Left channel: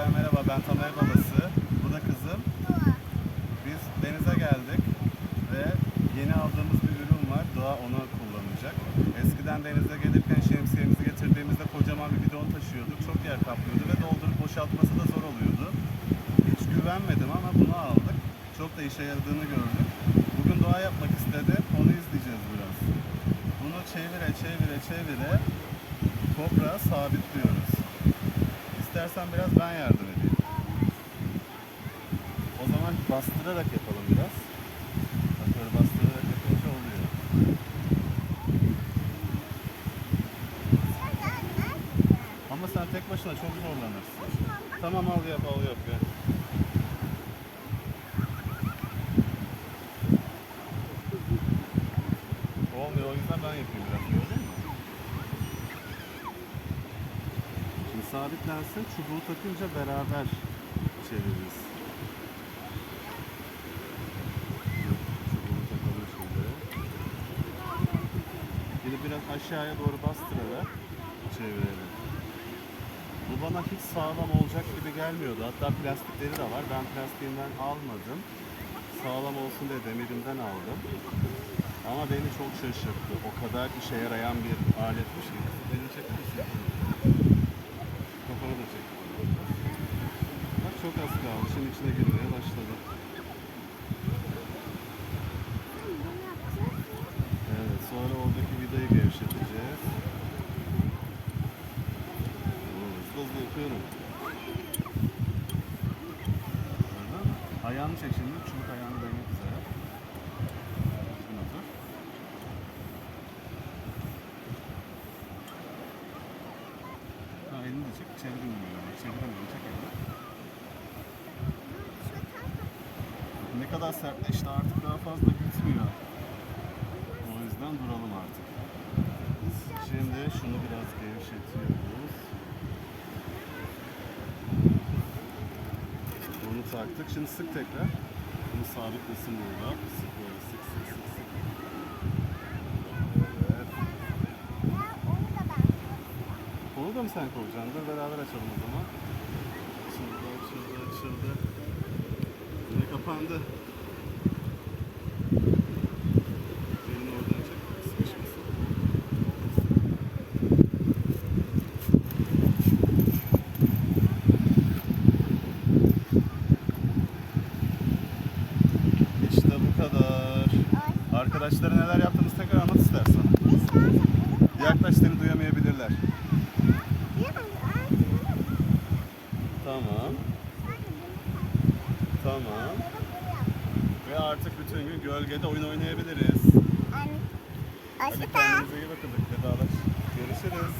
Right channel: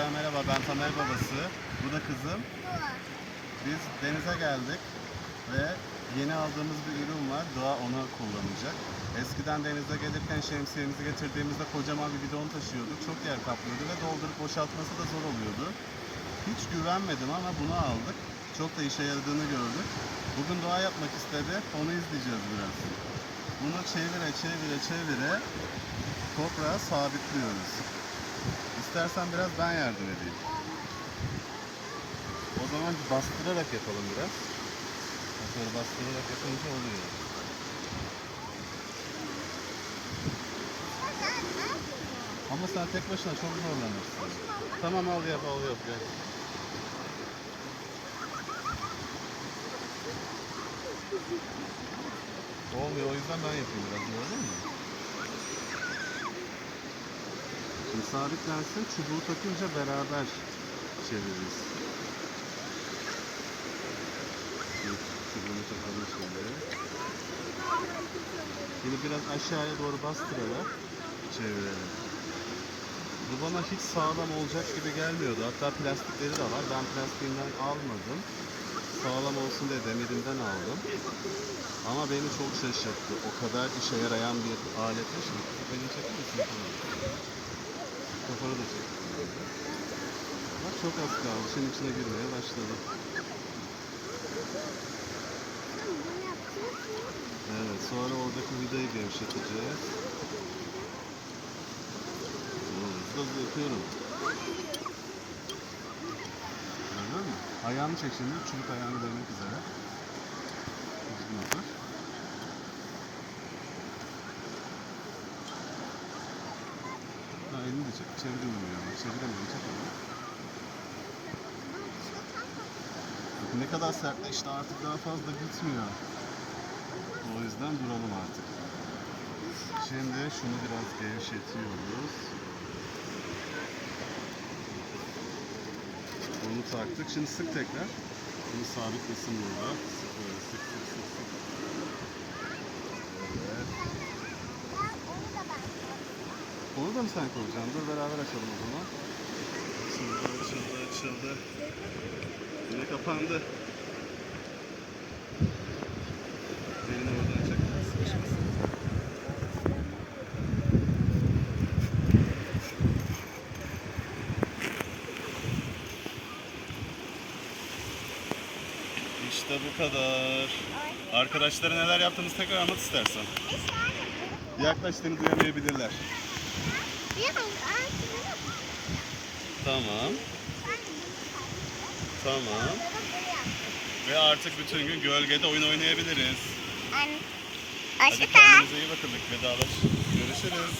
Arkadaşlar merhaba ben Tamer babası. Bu da kızım. Biz denize geldik ve yeni aldığımız bir ürün var. Doğa onu kullanacak. Eskiden denize gelirken şemsiyemizi getirdiğimizde kocaman bir bidon taşıyorduk. Çok yer kaplıyordu ve doldurup boşaltması da zor oluyordu. Hiç güvenmedim ama bunu aldık. Çok da işe yaradığını gördük. Bugün doğa yapmak istedi. Onu izleyeceğiz biraz. Bunu çevire çevire çevire toprağa sabitliyoruz. İstersen biraz ben yardım edeyim. O zaman bastırarak yapalım biraz. Bak böyle bastırarak yapınca oluyor. Ama sen tek başına çok zorlanırsın. Tamam al yap al yap gel. Olmuyor o yüzden ben yapayım biraz gördün mü? Şimdi sabitlensin çubuğu takınca beraber çeviririz. Çubuğunu takalım şimdi. Şimdi biraz aşağıya doğru bastırarak çevirelim. Bu bana hiç sağlam olacak gibi gelmiyordu. Hatta plastikleri de var. Ben plastiğinden almadım. Sağlam olsun diye demirinden aldım. Ama beni çok şaşırttı. O kadar işe yarayan bir aletmiş ki. Beni çekmişsin. Kafanı da çek. Bak çok az kaldı. Şimdi içine girmeye başladı. Evet, sonra oradaki vidayı gevşeteceğiz. Hızlı hızlı yapıyorum. Ayağını çek şimdi. Çubuk ayağını değmek üzere. Elini de çek. Çeviremiyorum. Çeviremiyorum. Ne kadar sertleşti artık daha fazla gitmiyor. O yüzden duralım artık. Şimdi şunu biraz gevşetiyoruz. Bunu taktık. Şimdi sık tekrar. Bunu sabitlesin burada. Sık böyle sık sık sık sık. Evet. Onu da mı sen koyacaksın? Dur beraber açalım o zaman. Açıldı, açıldı, açıldı. Yine kapandı. Elini oradan çek. Sıkışmasın. İşte bu kadar. Arkadaşlara neler yaptınız tekrar anlat istersen. Yaklaş seni duyamayabilirler. Tamam. Tamam. Ve artık bütün gün gölgede oyun oynayabiliriz. Hoşçakal. kendinize iyi bakın. Vedalaş. Görüşürüz.